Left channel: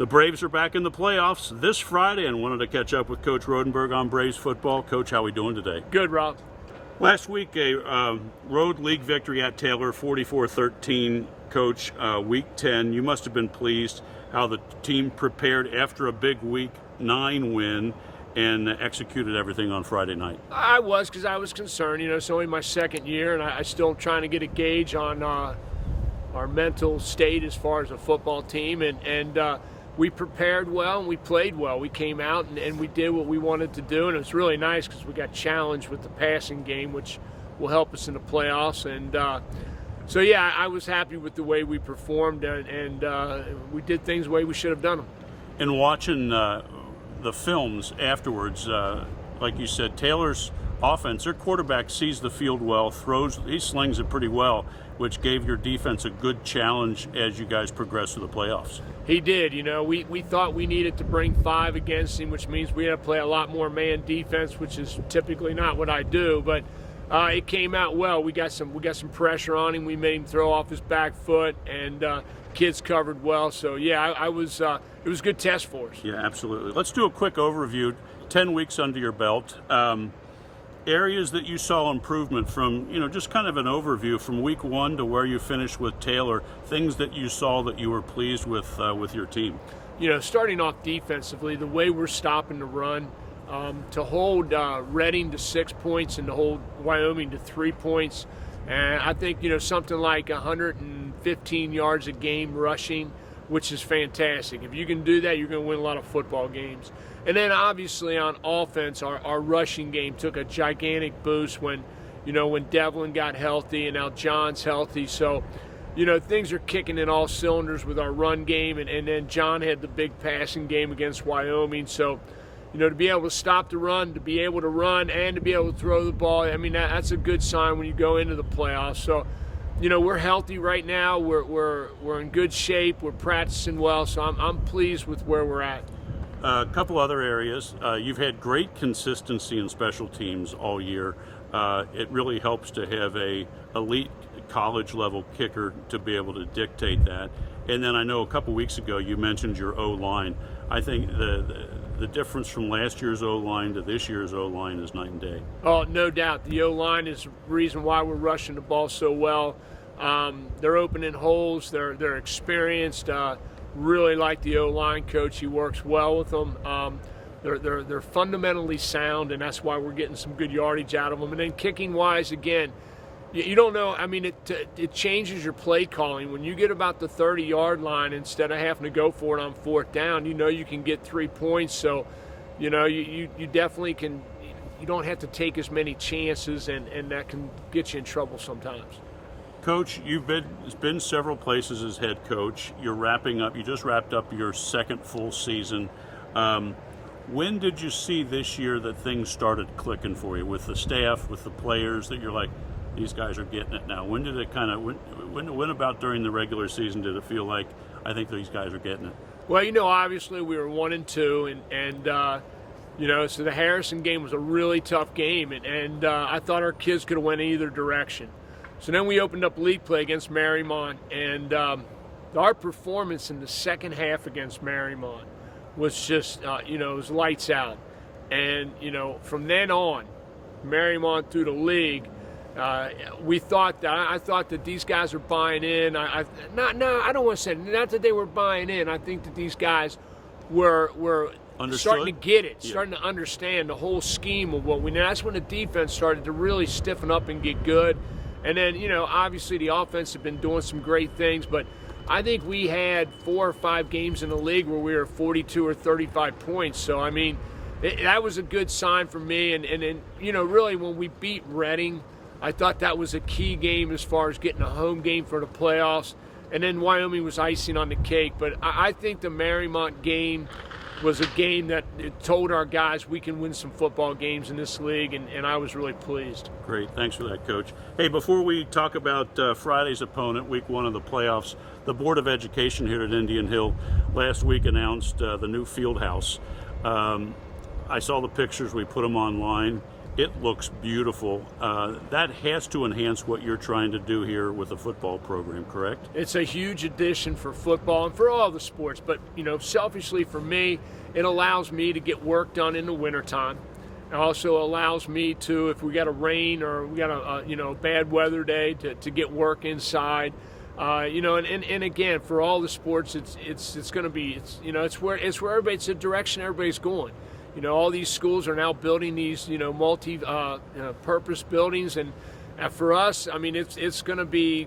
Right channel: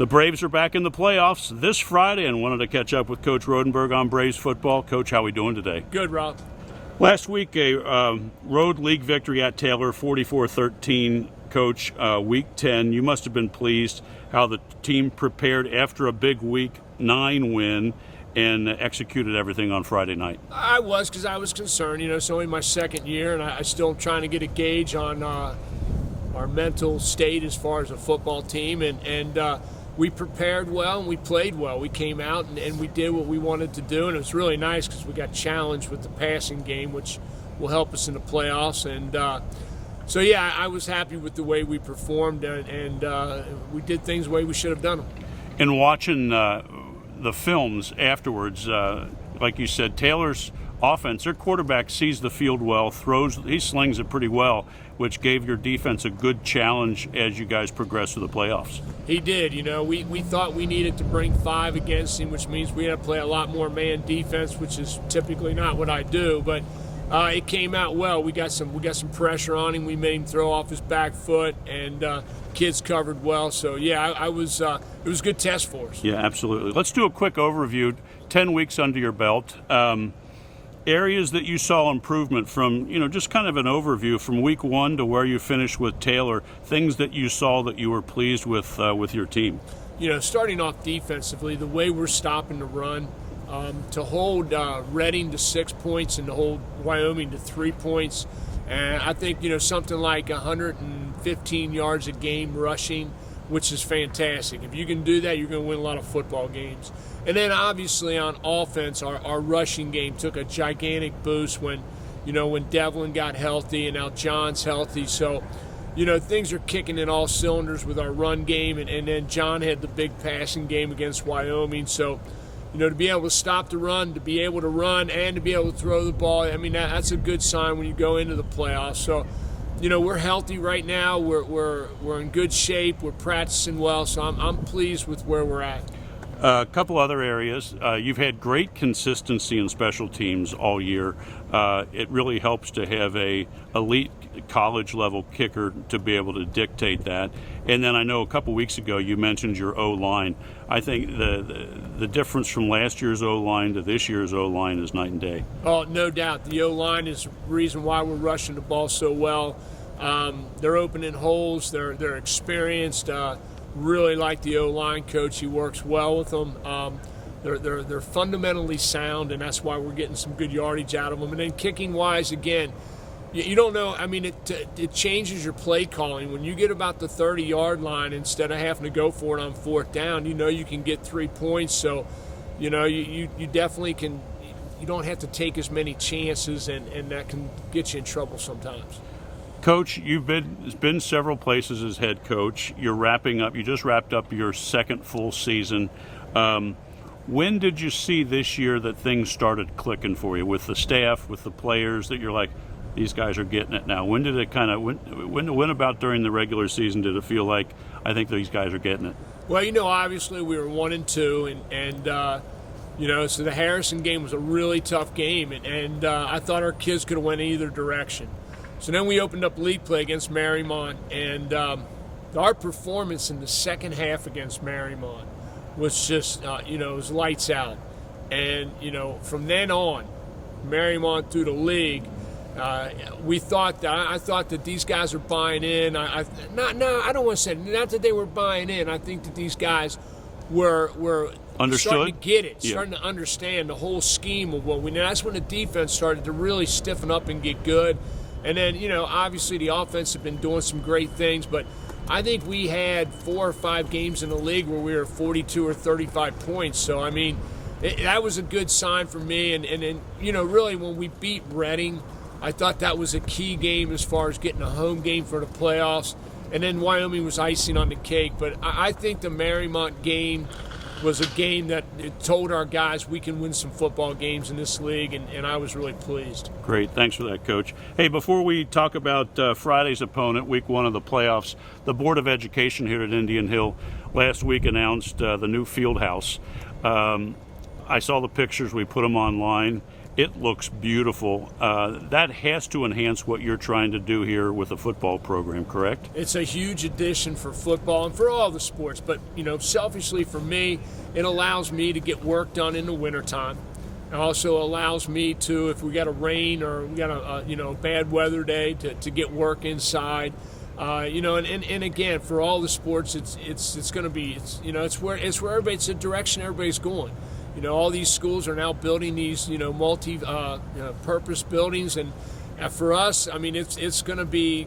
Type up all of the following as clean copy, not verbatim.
The Braves are back in the playoffs this Friday and wanted to catch up with Coach Rodenberg on Braves football. Coach, how are we doing today? Good, Rob. Last week, a road league victory at Taylor, 44-13. Coach, week 10, you must have been pleased how the team prepared after a big week 9 win and executed everything on Friday night. I was, because I was concerned. It's only my second year, and I still trying to get a gauge on our mental state as far as a football team. And we prepared well and we played well. We came out and we did what we wanted to do, and it was really nice because we got challenged with the passing game, which will help us in the playoffs. And so, yeah, I was happy with the way we performed, and we did things the way we should have done them. And watching the films afterwards, like you said, Taylor's offense, their quarterback sees the field well, he slings it pretty well, which gave your defense a good challenge as you guys progress through the playoffs. He did. We thought we needed to bring 5 against him, which means we had to play a lot more man defense, which is typically not what I do, but it came out well. We got some pressure on him. We made him throw off his back foot, and kids covered well. So yeah, it was a good test for us. Yeah, absolutely. Let's do a quick overview. 10 weeks under your belt. Areas that you saw improvement from, just kind of an overview from week 1 to where you finished with Taylor, things that you saw that you were pleased with your team. Starting off defensively, the way we're stopping the run, to hold Reading to 6 points and to hold Wyoming to 3 points. And I think, something like 115 yards a game rushing, which is fantastic. If you can do that, you're going to win a lot of football games. And then obviously on offense, our rushing game took a gigantic boost when Devlin got healthy and now John's healthy. So, things are kicking in all cylinders with our run game. And then John had the big passing game against Wyoming. So, to be able to stop the run, to be able to run, and to be able to throw the ball, that's a good sign when you go into the playoffs. So, we're healthy right now. We're in good shape. We're practicing well. So I'm pleased with where we're at. A couple other areas. You've had great consistency in special teams all year. It really helps to have a elite college level kicker to be able to dictate that. And then I know a couple weeks ago you mentioned your O-line. I think the difference from last year's O-line to this year's O-line is night and day. Oh, no doubt. The O-line is the reason why we're rushing the ball so well. They're opening holes. They're experienced. Really like the O-line coach. He works well with them. They're fundamentally sound, and that's why we're getting some good yardage out of them. And then kicking-wise, again, you don't know. It changes your play calling. When you get about the 30-yard line, instead of having to go for it on 4th down, you can get 3 points. So, you definitely can. You don't have to take as many chances, and that can get you in trouble sometimes. Coach, you've been several places as head coach. You're wrapping up. You just wrapped up your second full season. When did you see this year that things started clicking for you with the staff, with the players, that you're like, these guys are getting it now? When did it when about during the regular season did it feel like, I think these guys are getting it? Well, obviously we were 1-2, and so the Harrison game was a really tough game, and I thought our kids could have went either direction. So then we opened up league play against Marymount, and our performance in the second half against Marymount was just, it was lights out. And, from then on, Marymount through the league, I thought that these guys are buying in. I don't want to say, not that they were buying in. I think that these guys were starting to get it, starting to understand the whole scheme of what we know. That's when the defense started to really stiffen up and get good. And then, obviously the offense have been doing some great things, but I think we had 4 or 5 games in the league where we were 42 or 35 points. So, that was a good sign for me. And really when we beat Reading, I thought that was a key game as far as getting a home game for the playoffs. And then Wyoming was icing on the cake. But I think the Marymount game was a game that it told our guys we can win some football games in this league, and I was really pleased. Great. Thanks for that, Coach. Hey, before we talk about Friday's opponent, week 1 of the playoffs, the Board of Education here at Indian Hill last week announced the new field house. I saw the pictures. We put them online. It looks beautiful. That has to enhance what you're trying to do here with the football program, correct? It's a huge addition for football and for all the sports. But, selfishly for me, it allows me to get work done in the wintertime. It also allows me to, if we got a rain or we got a bad weather day, to get work inside. And again, for all the sports, it's going to be it's where everybody, it's the direction everybody's going. All these schools are now building these multi-purpose buildings, and for us, I mean, it's going to be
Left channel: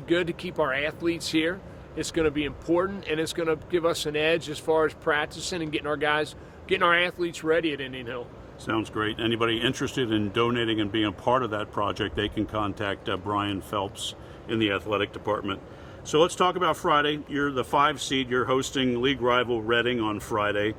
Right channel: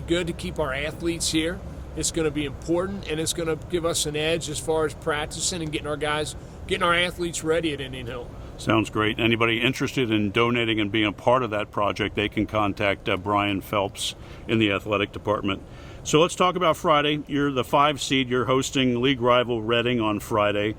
good to keep our athletes here. It's going to be important, and it's going to give us an edge as far as practicing and getting our athletes ready at Indian Hill. Sounds great. Anybody interested in donating and being a part of that project, they can contact Brian Phelps in the athletic department. So let's talk about Friday. You're the 5 seed. You're hosting league rival Reading on Friday.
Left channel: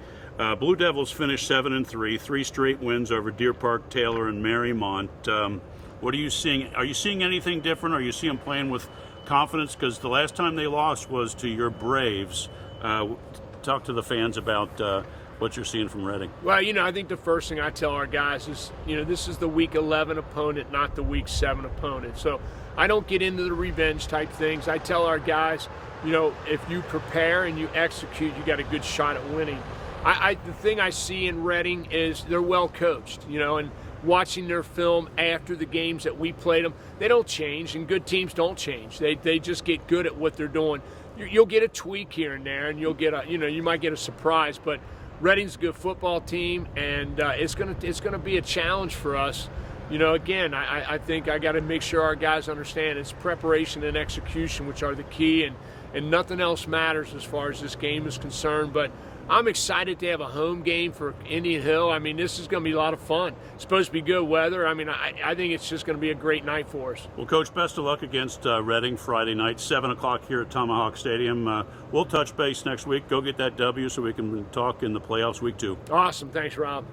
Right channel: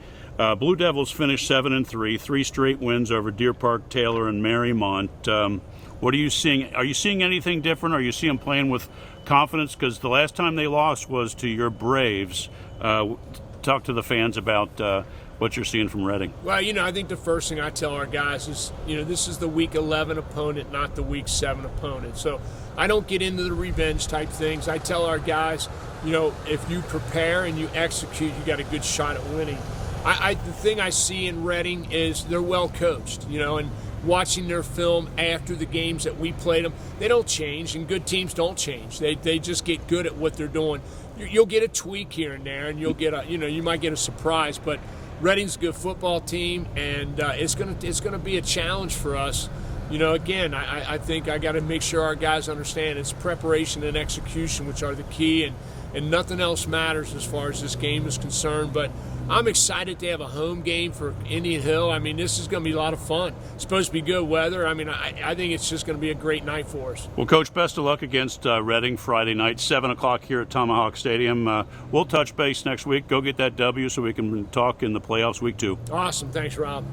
Blue Devils finished 7-3, 3 straight wins over Deer Park, Taylor, and Marymount. What are you seeing? Are you seeing anything different? Are you seeing them playing with confidence? Because the last time they lost was to your Braves. Talk to the fans about what you're seeing from Reading. Well, I think the first thing I tell our guys is, this is the Week 11 opponent, not the Week 7 opponent. So I don't get into the revenge type things. I tell our guys, if you prepare and you execute, you got a good shot at winning. The thing I see in Reading is they're well coached, and watching their film after the games that we played them, they don't change, and good teams don't change. They just get good at what they're doing. You'll get a tweak here and there, and you'll get you might get a surprise, but Reading's a good football team, and it's gonna be a challenge for us. Again, I think I got to make sure our guys understand it's preparation and execution which are the key, and nothing else matters as far as this game is concerned. But I'm excited to have a home game for Indian Hill. I mean, this is going to be a lot of fun. It's supposed to be good weather. I mean, I think it's just going to be a great night for us. Well, Coach, best of luck against Reading Friday night, 7 o'clock here at Tomahawk Stadium. We'll touch base next week. Go get that W so we can talk in the playoffs week 2. Awesome. Thanks, Rob.